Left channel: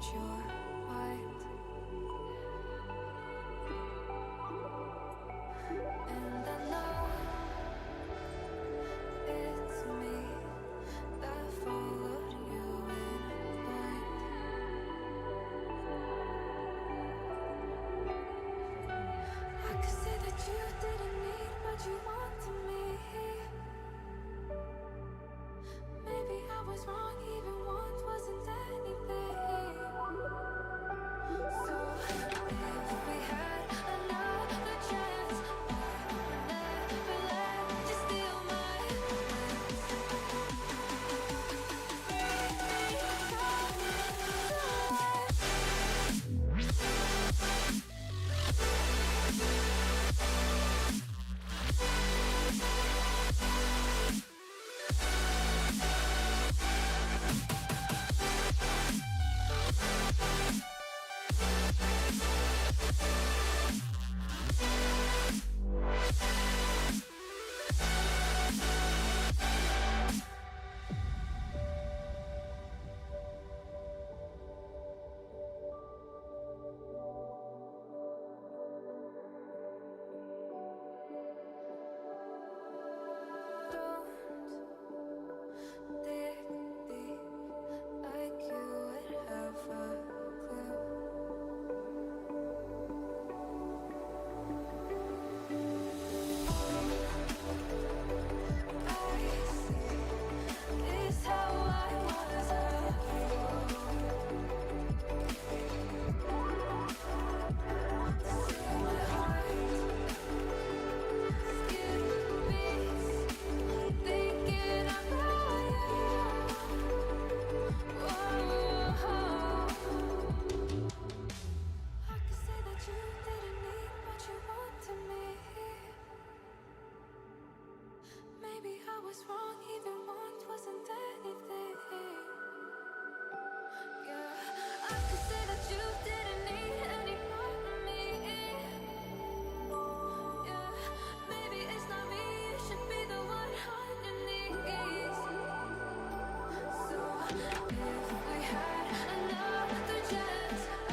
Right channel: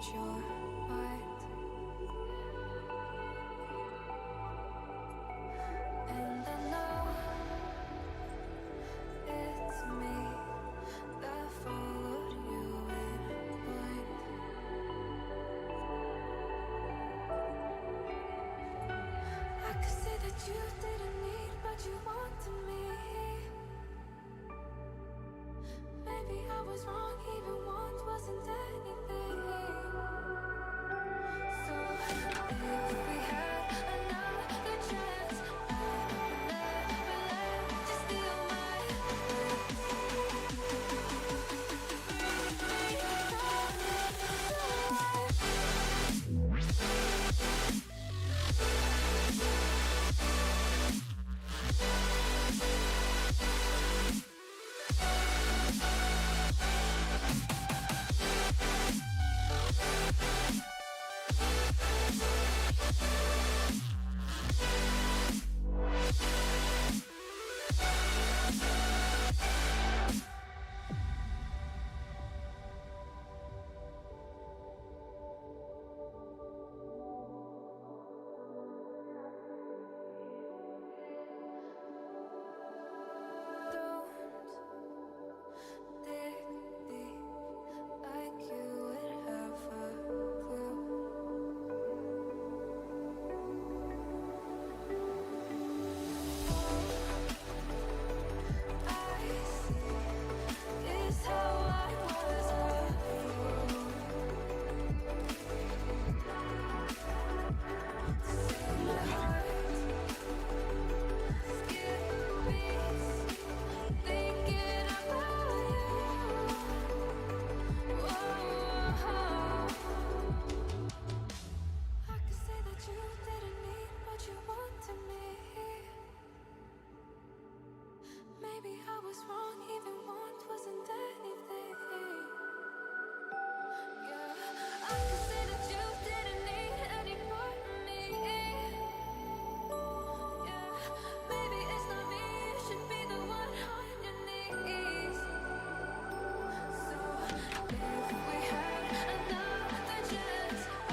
change your mind. And I know it's me that followed you in blind. I could say that you didn't need, but you wanted me. Maybe I was wrong, even want wasn't anything. So if we had another chance, I would never let you steal my plans. Bring me back to life. Don't dig deep like you would have a clue. All I see is how I was a fool. See my heart skip beats, thinking about you. Whoa. I could say that you didn't need, but you wanted me. Maybe I was wrong, even want wasn't anything. Yeah, I could say that you didn't need any part of me. Yeah, maybe it's not me, you should be the one on your knees. So if we had another chance, I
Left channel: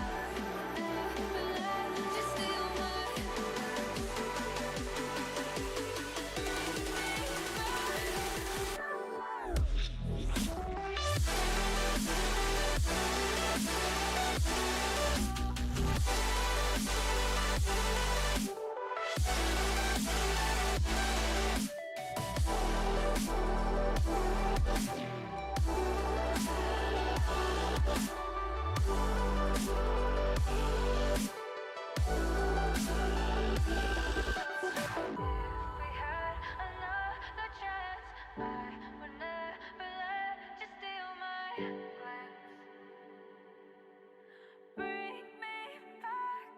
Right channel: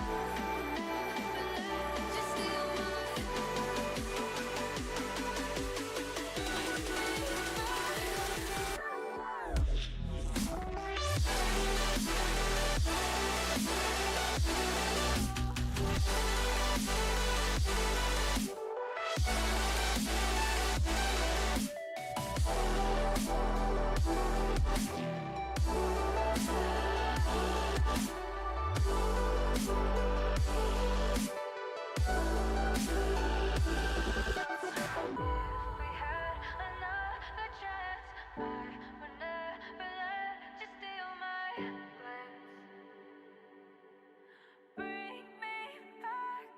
would never let you steal my heart. Bring me back. If we had another chance, I would never let you steal my glance. Bring me back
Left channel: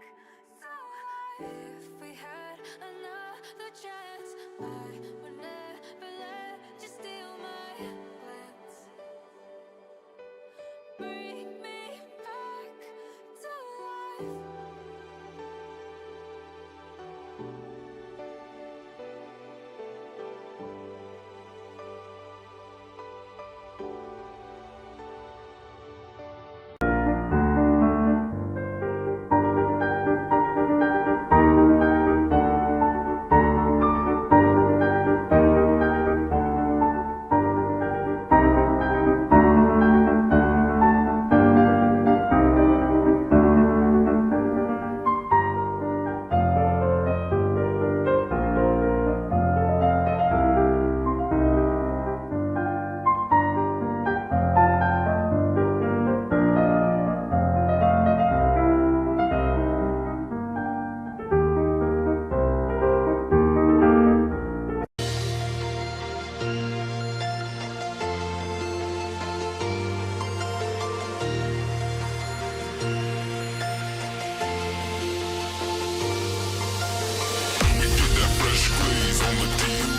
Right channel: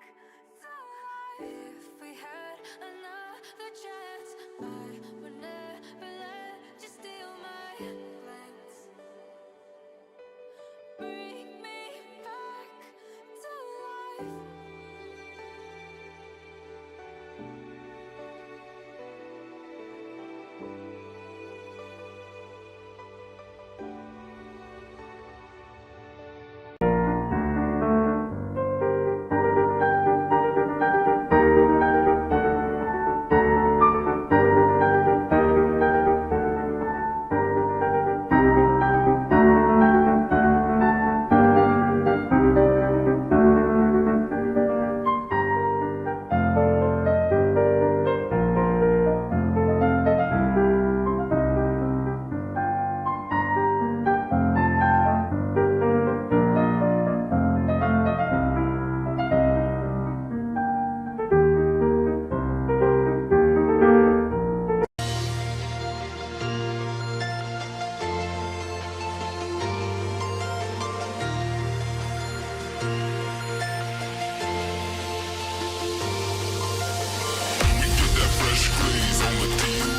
to life. If we had another chance, I would never let you steal my glance. Bring me back to life. Fresh glaze on the deal.